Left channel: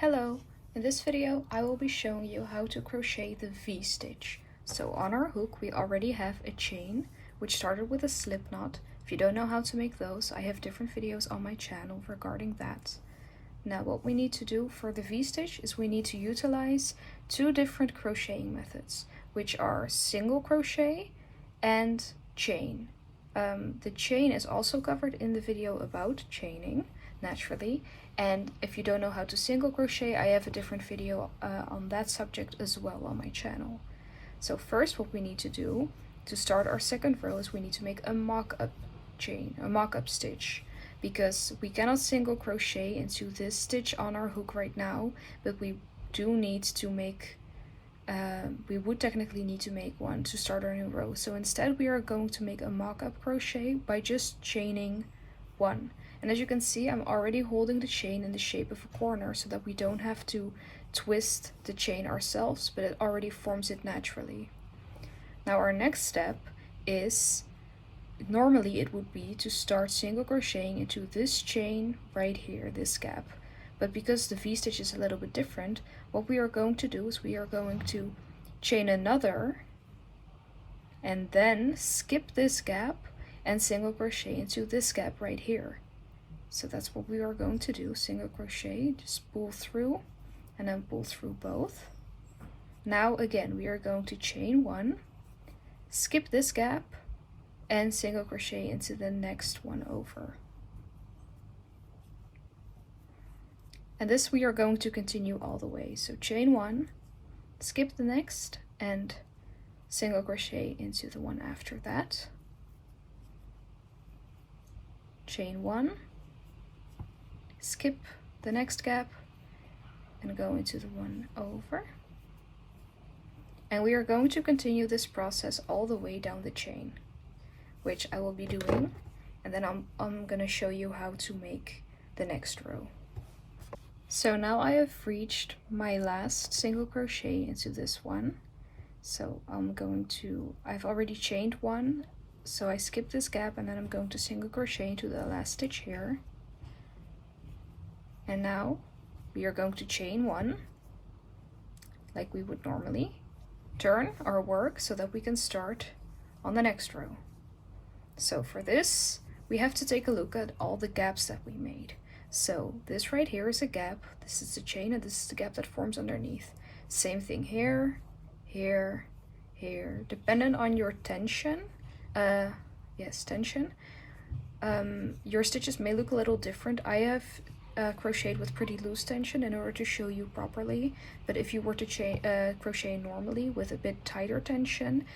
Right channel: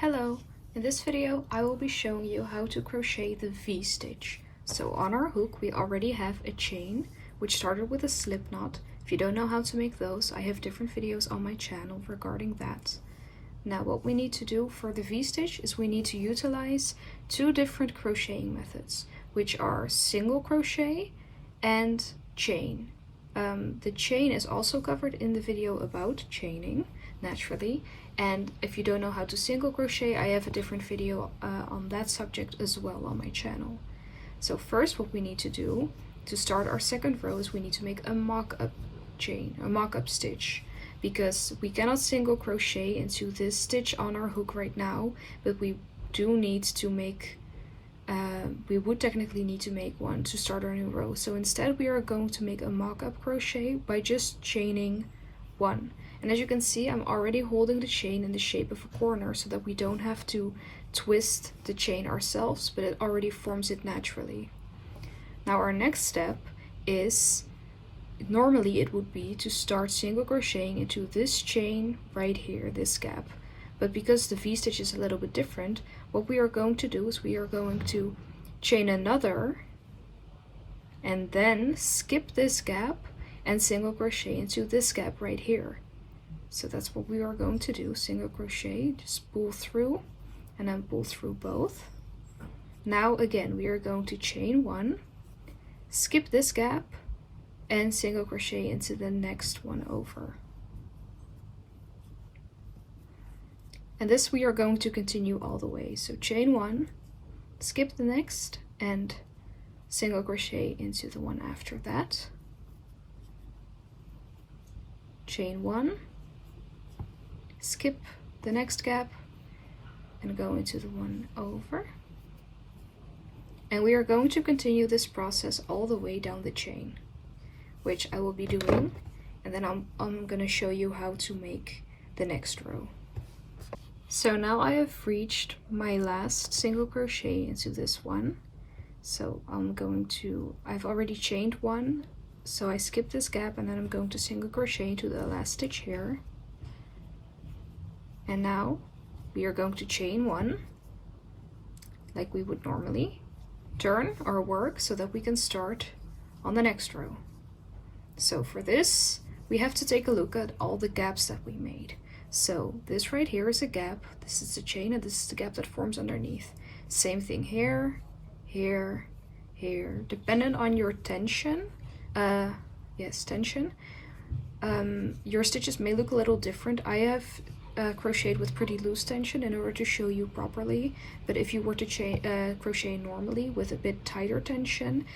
Hello! In this video I will be showing you how to crochet the V-stitch. So on our hook we already have a chain which started with a slip knot. If you don't know how to make those, I have different videos on my channel regarding that. Now what we need to do for the V-stitch is we need to utilize two different crocheting methods, which are single crochet and chain. The chain is also covered in the video about chaining, naturally, and if you don't know how to single crochet, I have a different video on that subject as well on my channel. So first what we need to do to start our second row is we need to make a mock-up chain, a mock-up stitch, because we cannot single crochet into this stitch on our hook right now, but we do need to make we would technically need to make one to start our new row. So instead we are going to make a mock-up crochet by just chaining one. And as you can see, I'm already holding the chain in the shape of a corner so that we don't have to twist the chain ourselves, but it already forms it naturally. Now our next step is, normally it would be to start single crocheting into this chain right here, this gap. But because the V-stitch is a little bit different, what we are going to do is we are going to chain another and then skip this gap and single crochet into this gap right here. So that's what we are going to do, single crochet, just pull through and then pull through both. Now again, we are going to chain one, skip this gap and single crochet into the next one over. And this we are going to continue all the way. So chain one, skip the next, and single crochet into the one after that. Chain one, skip the next gap, and go into the one over. And we are going to continue this process all the way down the chain, which I will be doing, and then I'm going to show you how to make the next row. So now I have reached my last single crochet into this one. So I've already chained one, so I skip this gap and then I'm going to single crochet into the last stitch here. And now we are going to chain one, like we would normally, turn our work so that we can start on the next row. So for this, we have to take a look at all the gaps that we made. So this right here is a gap, this is the chain, and this is the gap that forms underneath. Same thing here, here, here. Dependent on your tension, tension, your stitches may look a little different. I have crocheted with pretty loose tension in order to show you properly, but if you were to crochet normally with a bit tighter tension,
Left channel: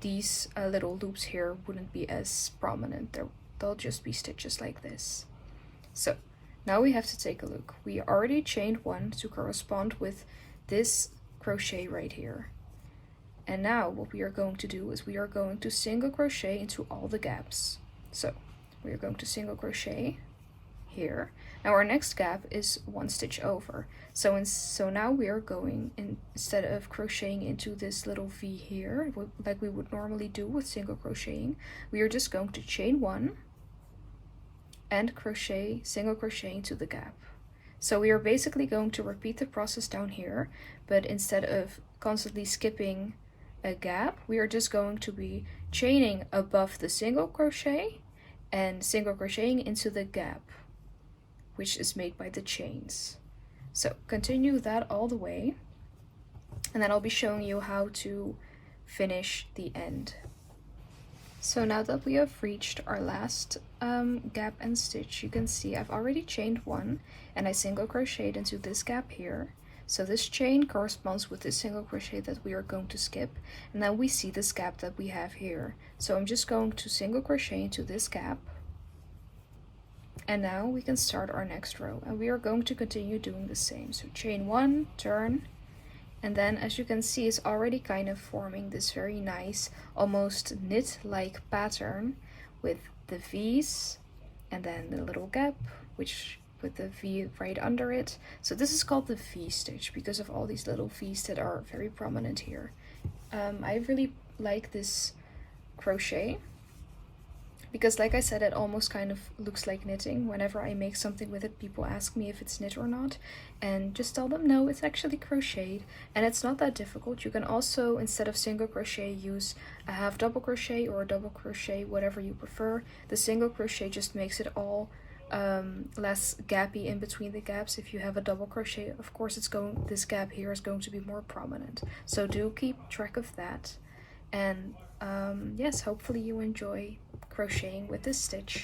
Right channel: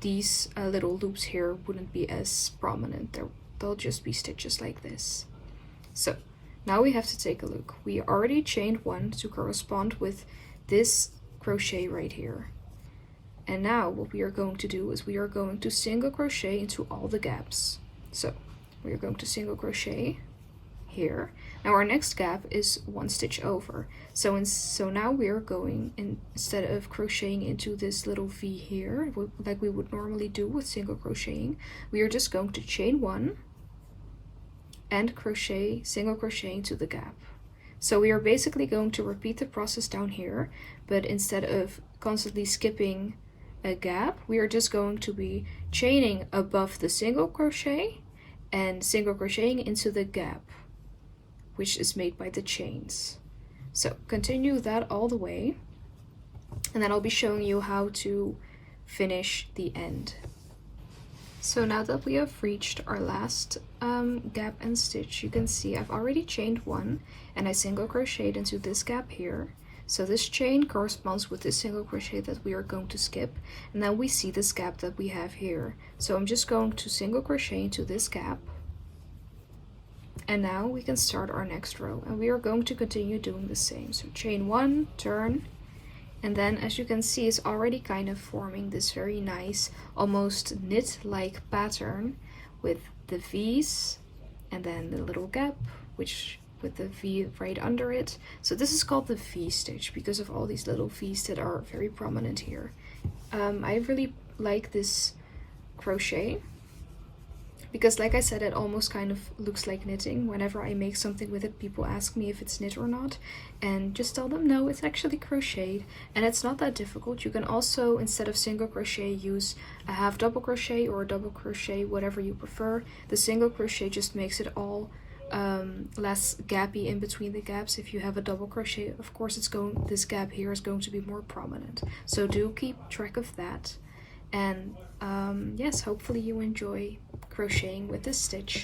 these little loops here wouldn't be as prominent. They'll just be stitches like this. So now we have to take a look. We already chained one to correspond with this crochet right here. And now what we are going to do is we are going to single crochet into all the gaps. So we are going to single crochet here. Now our next gap is one stitch over. So now we are going, instead of crocheting into this little V here, like we would normally do with single crocheting, we are just going to chain one and single crochet into the gap. So we are basically going to repeat the process down here, but instead of constantly skipping a gap, we are just going to be chaining above the single crochet and single crocheting into the gap, which is made by the chains. So continue that all the way, and then I'll be showing you how to finish the end. So now that we have reached our last gap and stitch, you can see I've already chained one and I single crocheted into this gap here. So this chain corresponds with this single crochet that we are going to skip, and then we see this gap that we have here. So I'm just going to single crochet into this gap, and now we can start our next row, and we are going to continue doing the same. So chain one, turn, and then as you can see, it's already kind of forming this very nice, almost knit-like pattern with the V's and then the little gap, which with the V right under it. So this is called the V stitch because of all these little V's that are very prominent here. I really like this crochet because like I said, it almost kind of looks like knitting. Whenever I make something with it, people ask me if it's knit or not, and just tell them no, it's actually crocheted, and it's not that difficult. You can also, instead of single crochet, use a half double crochet or a double crochet, whatever you prefer. The single crochet just makes it all less gappy in between the gaps. If you have a double crochet, of course this gap here is going to be more prominent, so do keep track of that. And yes, hopefully you enjoy crocheting with this stitch.